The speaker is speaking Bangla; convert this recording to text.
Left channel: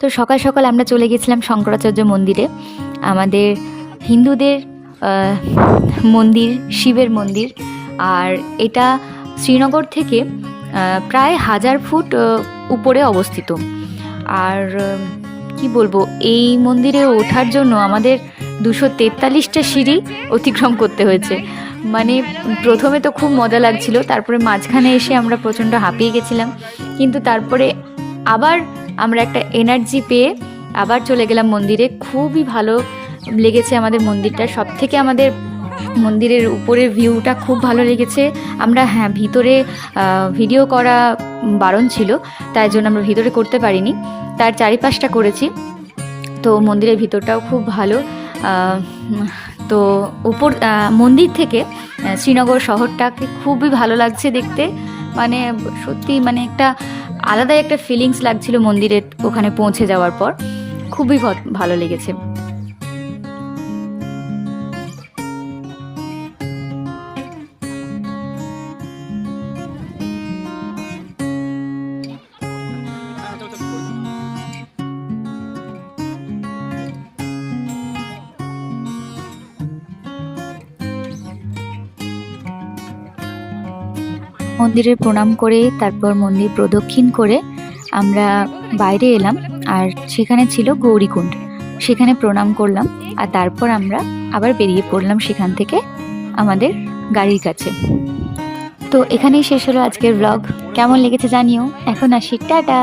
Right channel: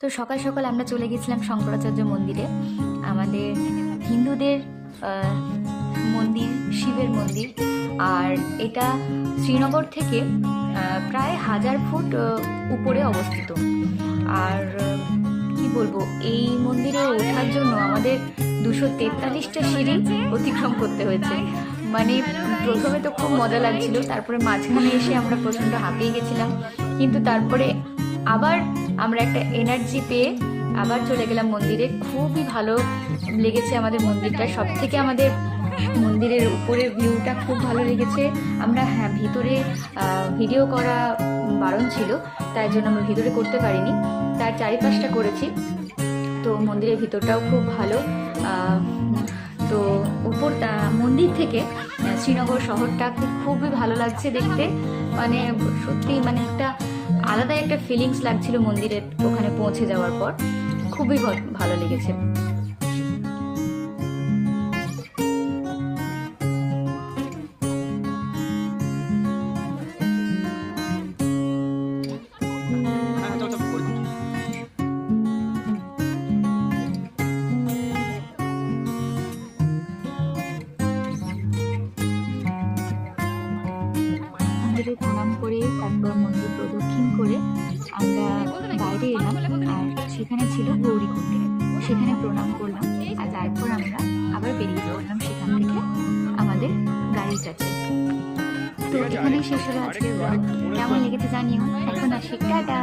তো সকাল সকাল আমরা চলে গেছিলাম শঙ্করাচার্য মন্দিরে, আমাদের হিন্দুদের মন্দির, শিবের মন্দির। আর এটা শ্রীনগর থেকে প্রায় 1000 ফুট উপরে অবস্থিত। আর কি বলবো, এই মন্দিরে ওঠার জন্য আমাদের 243টা সিঁড়ি অতিক্রম করতে হয়েছে। মানে প্রথমে তো খুব মজা লাগছিল, তারপরে মাঝখানে এসে আমরা প্রচণ্ড হাঁপিয়ে গেছিলাম, কিন্তু তারপরে আবার আমরা একটা এনার্জি পেয়ে আবার চলে গেলাম মন্দিরে। খুবই ভালো লেগেছে আমাদের মন্দিরটা, সব থেকে আমাদের মন্দিরের উপরের ভিউটা খুব ভালো লেগেছে। আমরা ভিতরে ভিডিও করা বারণ ছিল, তাই জন্য আমরা ভিতরে করতে পারিনি, তার চারিপাশটা করেছি। তো মন্দিরের ভিতরটাও খুব ভালো। তো উপর মন্দির থেকে শ্রীনগর শহরটাকে খুবই ভালো লাগছে দেখতে। মানে সত্যি মানে একটা আলাদা একটা ফিলিংস লাগছিল মন্দিরের ওখানে পৌঁছে যাওয়ার পর, খুবই ভালো লেগেছে। মন্দিরে প্রণাম করে তারপর মন্দির প্রদক্ষিণ করে আমরা বাইরে এলাম, আর সেখানে ছিল গৌরীকুণ্ড, সেখানে প্রণাম করলাম। আর তারপর আমরা আবার বেরিয়ে পড়লাম সেখান থেকে আমাদের গাড়ির কাছে। তো এখানেই শেষ হলো আজকের ব্লগ। কেমন লেগেছে জানিও। এখন আসি, টাটা।